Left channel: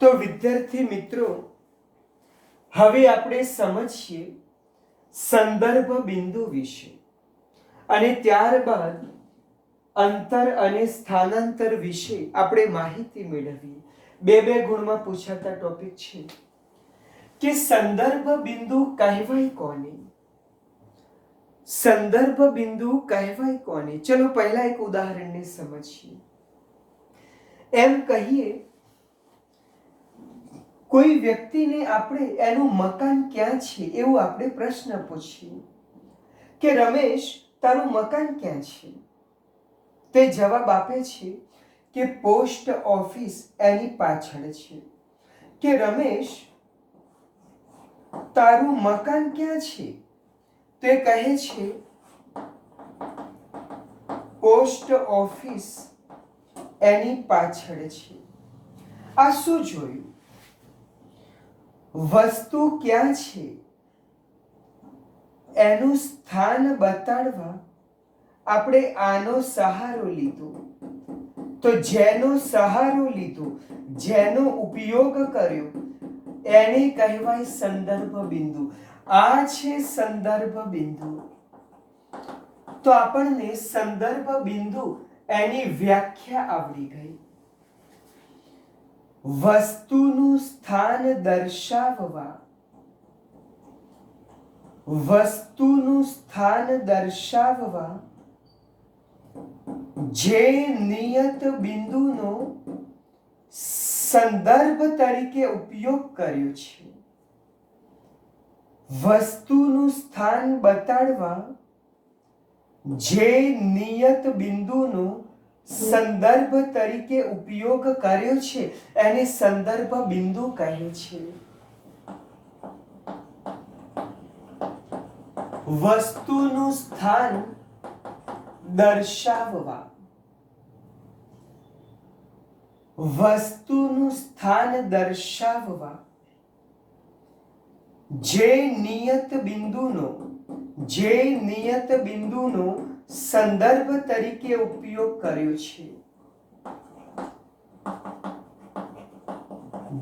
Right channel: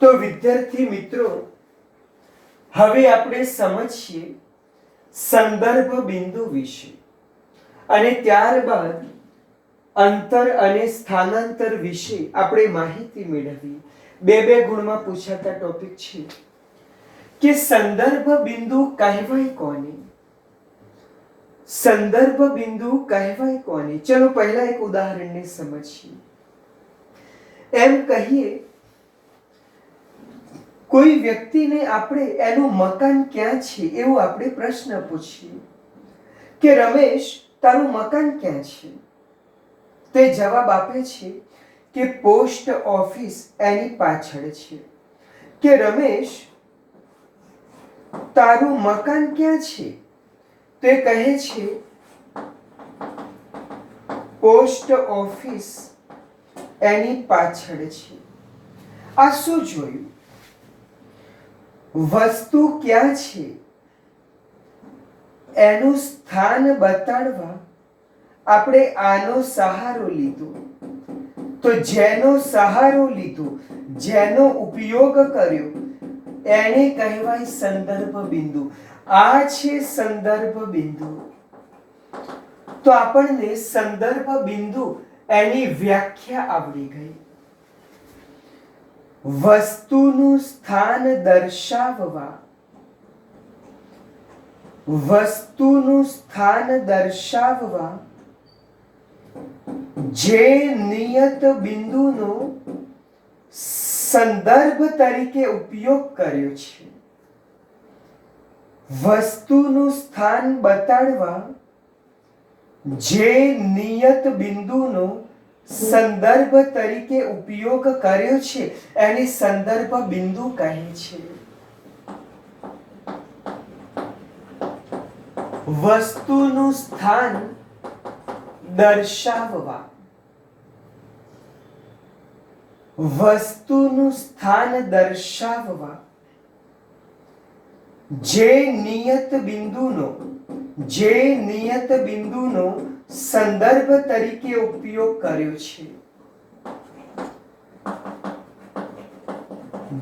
તો વિદ્યાર્થી મિત્રો, હવે આપણે સમજીએ સંદર્ભ બિંદુ વિશે અને ત્યારબાદ અંતર અને સ્થાનાંતર વિશે આપણે માહિતી મેળવી. બે ગુણમાં પૂછાતા ટોપિક છે કે સંદર્ભ બિંદુ કહેવાય કોને? સંદર્ભ બિંદુ કહેવાય કોને? ચલો પહેલા એક ઉદાહરણને સમજીએ. એમ કહીએ, કોઈ વ્યક્તિને આપણે એનું મકાન ક્યાં છે એવો આપણે પ્રશ્ન પૂછીએ કે રમેશ, તારું મકાન ક્યાં છે? તે જવાબ આપે છે કે પોસ્ટ ઓફિસ એની પાછળ છે. કે રમેશ, તારું મકાન ક્યાં છે? તે કહે છે પોસ્ટ ઓફિસ એની પાછળ છે. આ શું જોયું? વસ્તુ ક્યાં છે એનું સ્થાન બતાડવા આપણે આનો સહારો લીધો. તો જેનો સહારો લીધો, જેનો ઉપયોગ કર્યો, એને કહેવાય સંદર્ભ બિંદુ. આ છે સંદર્ભ બિંદુ. તો આપણને સંદર્ભ બિંદુ એની વ્યાખ્યા આવડી ગઈ. વસ્તુનું સ્થાન દર્શાવવા, વસ્તુનું સ્થાન દર્શાવવા જે નિયત બિંદુનો સંદર્ભ તરીકે ઉપયોગ કર્યો છે, વસ્તુનું સ્થાન બતાડવા જે નિયત બિંદુનો સંદર્ભ તરીકે ઉપયોગ કર્યો છે એને સંદર્ભ બિંદુ કહે છે. વસ્તુનું સ્થાન દર્શાવવા, વસ્તુનું સ્થાન દર્શાવવા જે નિયત બિંદુનો સંદર્ભ તરીકે ઉપયોગ કર્યો છે,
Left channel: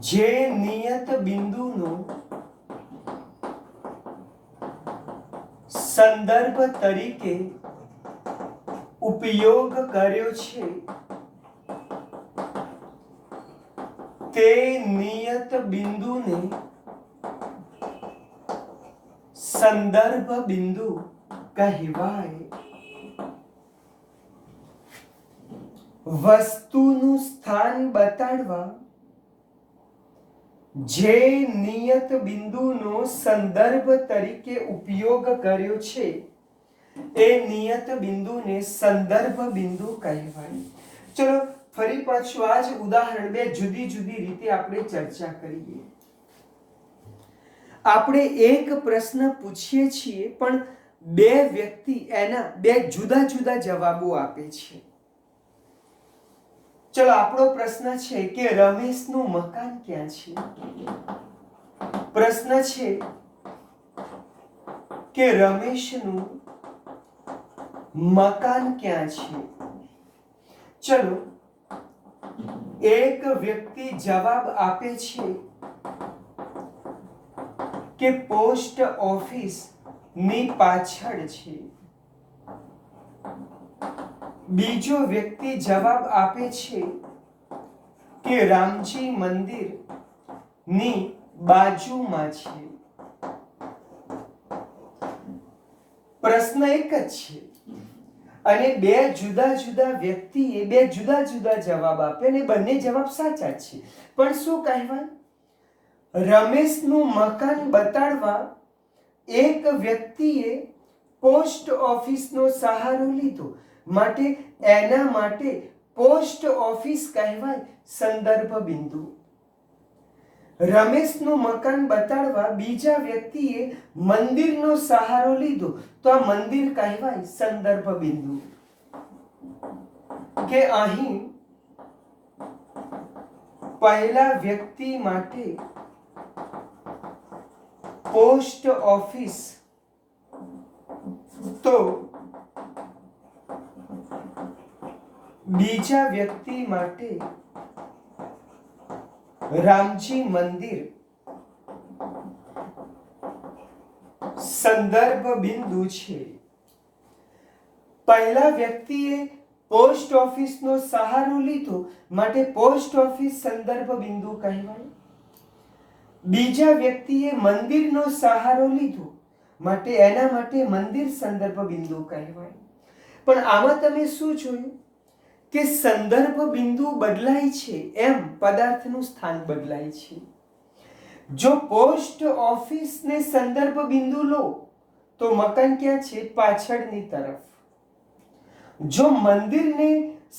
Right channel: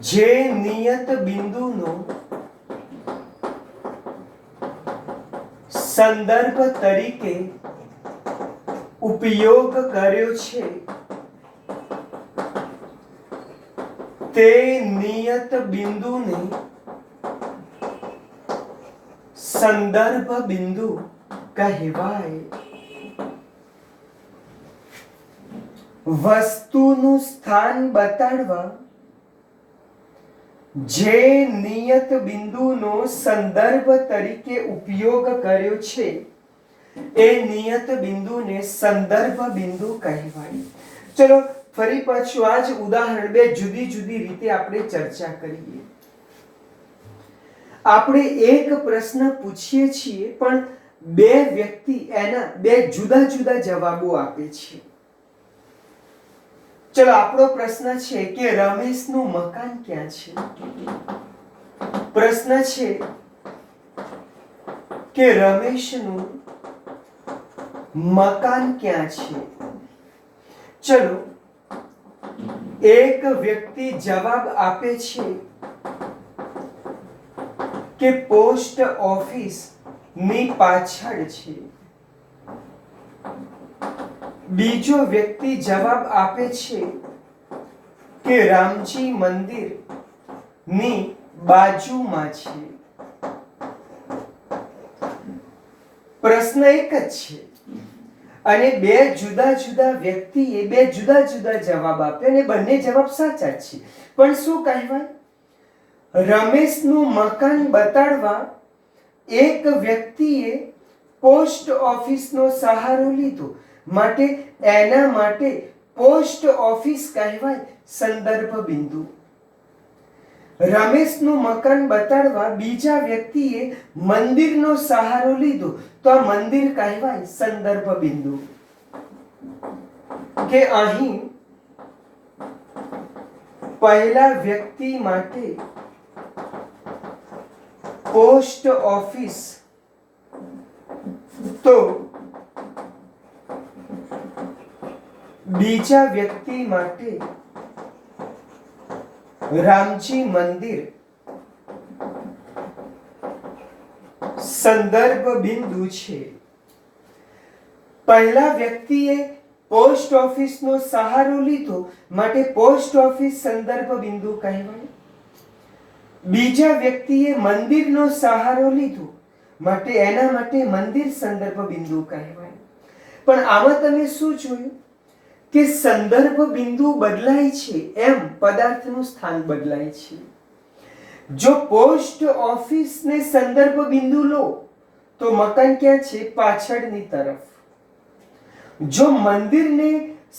જે નિયત બિંદુનો સંદર્ભ તરીકે ઉપયોગ કર્યો છે, તે નિયત બિંદુને સંદર્ભ બિંદુ કહેવાય. વસ્તુનું સ્થાન બતાડવા જે નિયત બિંદુનો સંદર્ભ તરીકે ઉપયોગ કર્યો છે એ નિયત બિંદુને સંદર્ભ બિંદુ કહેવાય. ચલો ફરી પાછું આ જ ઉદાહરણ બે જુદી જુદી રીતે આપણે ચર્ચા કરીએ. આપણે એક પ્રશ્ન પૂછીએ છીએ પણ બે વ્યક્તિ એના બે જુદા જુદા જવાબો આપે છે. ચલો આપણો પ્રશ્ન છે કે રમેશનું મકાન ક્યાં છે? પ્રશ્ન છે કે રમેશનું મકાન ક્યાં છે? ચલો એક વ્યક્તિ જવાબ આપે છે કે પોસ્ટ ઓફિસ ની પાછળ છે. બીજો વ્યક્તિ જવાબ આપે છે કે રામજી મંદિર ની બાજુમાં છે. પ્રશ્ન એક જ છે અને બે જુદા જુદા વ્યક્તિએ બે જુદા જુદા જવાબ આપ્યા અને બંને જવાબ સાચા છે. પણ શું કહેવાય? રમેશનું મકાન બતાડવા એક વ્યક્તિએ પોસ્ટ ઓફિસનો સહારો લીધો, માટે એના માટે પોસ્ટ ઓફિસ કહેવાય સંદર્ભ બિંદુ. રમેશનું મકાન બતાડવા બીજા વ્યક્તિએ મંદિરનો સહારો લીધો તો આ મંદિર કહેવાય સંદર્ભ બિંદુ. કે અહીં પહેલા વ્યક્તિ માટે પોસ્ટ ઓફિસ તો બીજા વ્યક્તિ માટે રામજી મંદિર સંદર્ભ બિંદુ છે. પહેલા વ્યક્તિએ પોસ્ટ ઓફિસનો સહારો લીધો માટે પોસ્ટ ઓફિસ સંદર્ભ બિંદુ કહેવાય. બીજા વ્યક્તિએ મંદિરનો સહારો લીધો માટે એના માટે મંદિર સંદર્ભ બિંદુ કહેવાય. પણ આમાં તમે શું જોયું કે સંદર્ભ બિંદુ બદલાય છે એમ પદાર્થનું સ્થાન બદલાય છે. જો પોસ્ટ ઓફિસને સંદર્ભ બિંદુ લો તો મકાન ક્યાં છે? પાછળની તરફ. જો મંદિરને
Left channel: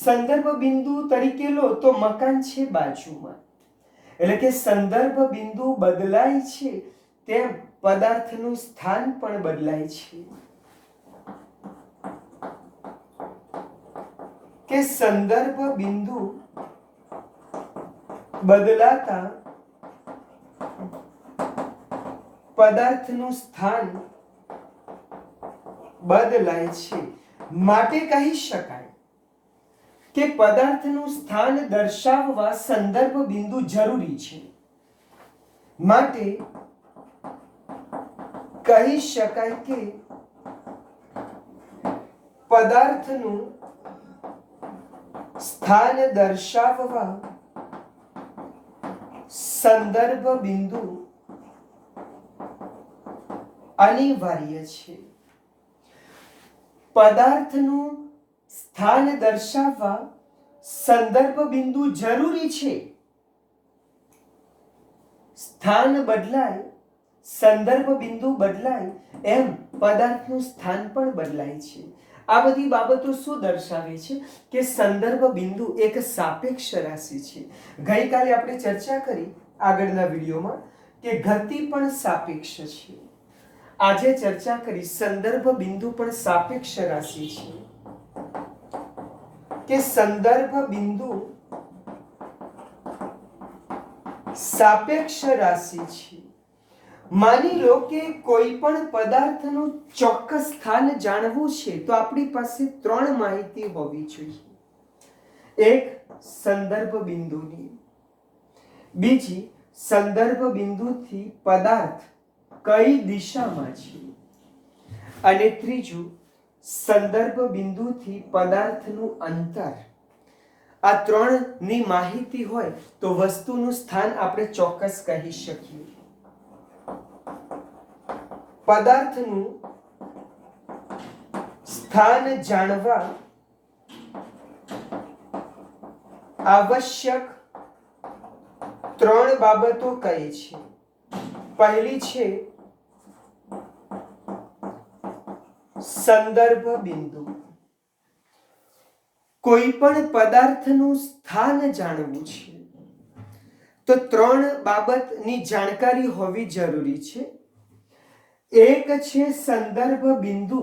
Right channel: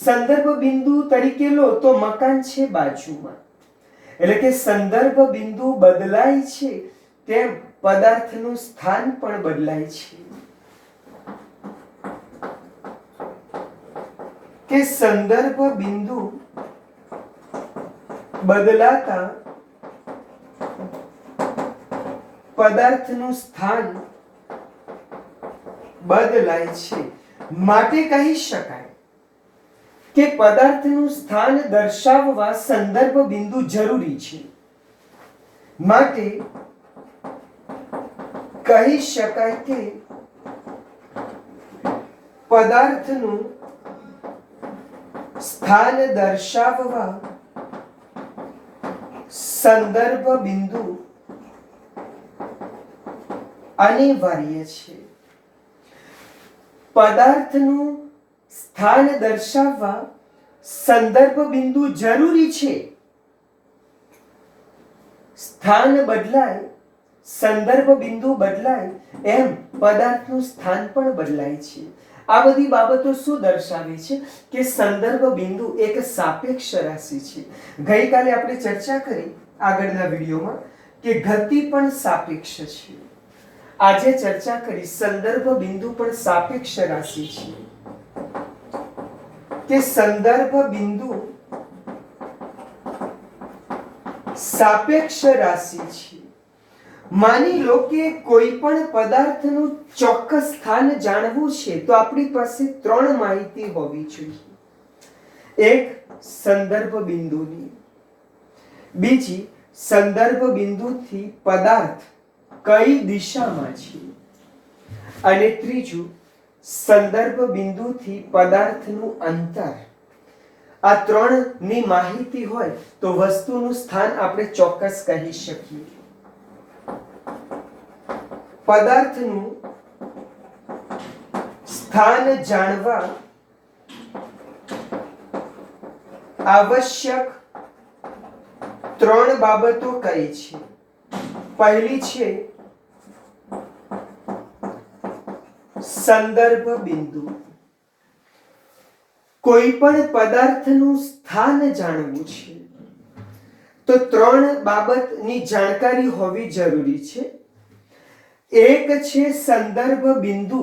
સંદર્ભ બિંદુ તરીકે લો તો મકાન છે બાજુમાં. એટલે કે સંદર્ભ બિંદુ બદલાય છે તેમ પદાર્થનું સ્થાન પણ બદલાય છે. કે સંદર્ભ બિંદુ બદલાતા પદાર્થનું સ્થાન બદલાય છે. માટે કહી શકાય કે પદાર્થનું સ્થાન દર્શાવવા સંદર્ભ બિંદુ જરૂરી છે. માટે કહી શકાય કે પદાર્થનું સ્થાન દર્શાવવા સંદર્ભ બિંદુ અનિવાર્ય છે. પદાર્થનું સ્થાન દર્શાવવા સંદર્ભ બિંદુ જરૂરી છે. સ્થાન બદલાય, સંદર્ભ બિંદુ બદલાય એમ પદાર્થનું સ્થાન પણ બદલાય છે. આ બધી બાબતો શું દર્શાવે છે કે સંદર્ભ બિંદુ એક સાપેક્ષ રાશિ છે. ગઈકાલે આપણે ચર્ચા કરી આગળના વિડીયોમાં કે ગતિ પણ સાપેક્ષ છે. આજે ચર્ચા કરી સંદર્ભ બિંદુ પણ સાપેક્ષ રાશિ છે. કે સંદર્ભ બિંદુ સાપેક્ષ રાશિ છે. માની લો કે કોઈ પણ પદાર્થનું ચોક્કસ સ્થાન જાણવું છે તો આપણી પાસે 3 માહિતી હોવી જોઈએ. એક સંદર્ભ બિંદુની, બીજી સંદર્ભ બિંદુથી પદાર્થ કઈ દિશામાં છે, અને ત્રીજું સંદર્ભ બિંદુથી પદાર્થનું અંતર. આ 3 ની માહિતી હોય તો વસ્તુનું સ્થાન આપણે ચોક્કસ કહી શકીએ. પદાર્થનું સ્થાન જાણવા આવશ્યક 3 બાબતો કઈ છે? પહેલી છે સંદર્ભ બિંદુ. કોઈ પણ પદાર્થનું સ્થાન જાણવું છે તો 3 બાબતની જાણકારી હોવી જરૂરી છે. એક છે સંદર્ભ બિંદુ,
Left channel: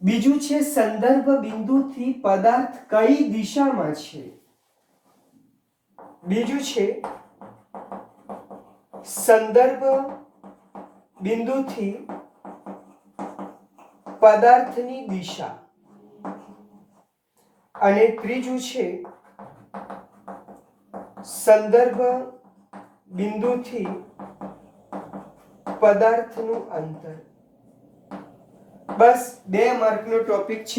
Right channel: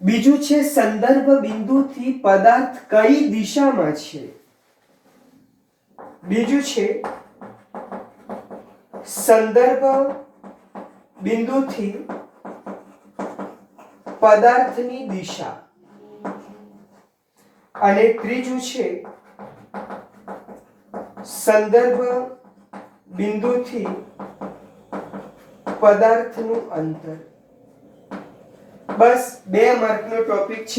બીજું છે સંદર્ભ બિંદુથી પદાર્થ કઈ દિશામાં છે, બીજું છે સંદર્ભ બિંદુથી પદાર્થની દિશા, અને ત્રીજું છે સંદર્ભ બિંદુથી પદાર્થનું અંતર. બસ 2 માર્કનો ટોપિક છે.